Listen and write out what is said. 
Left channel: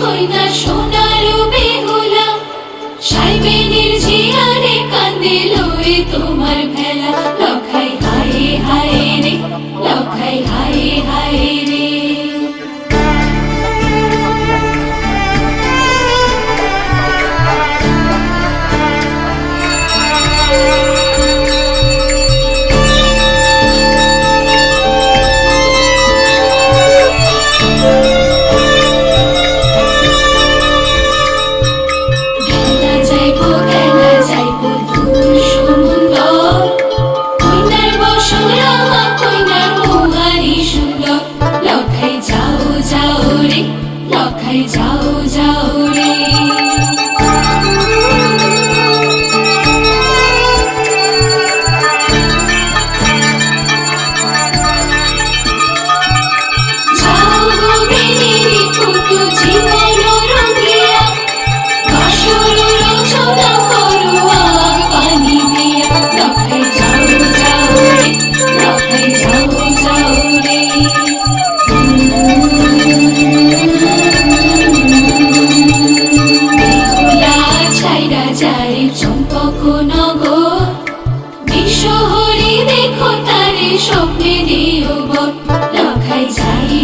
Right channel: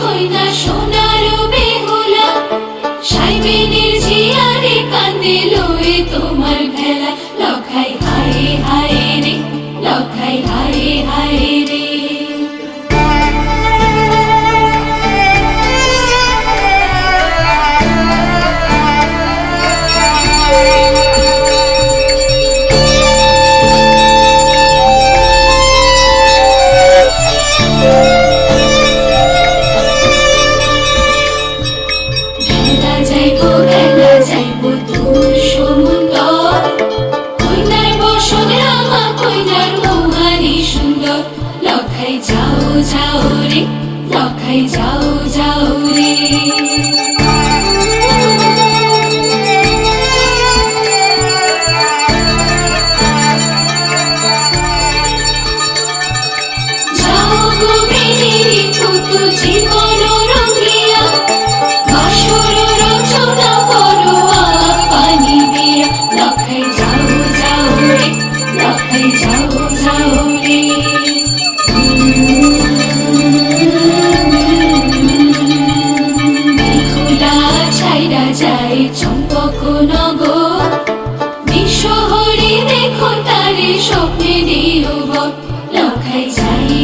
কইনা সোনার বেহুলা সাইবেনের জিয়ারে কান্দে লয়ে তোমার ভেলা লখাই হায় হায় রে লখাই হায় হায় রে লখাই যাও যাও রে যাও গো বেনিরি পুতু জীবন রঙিয়া বাসর রচনা করো আগ পানি দিয়া লখাই যাও যাও রে লখাই যাও যাও রে যায় চম্পকনগর বিশ্বহরি দেখো তারে স্বপ্নে দিও বট লখাই যাই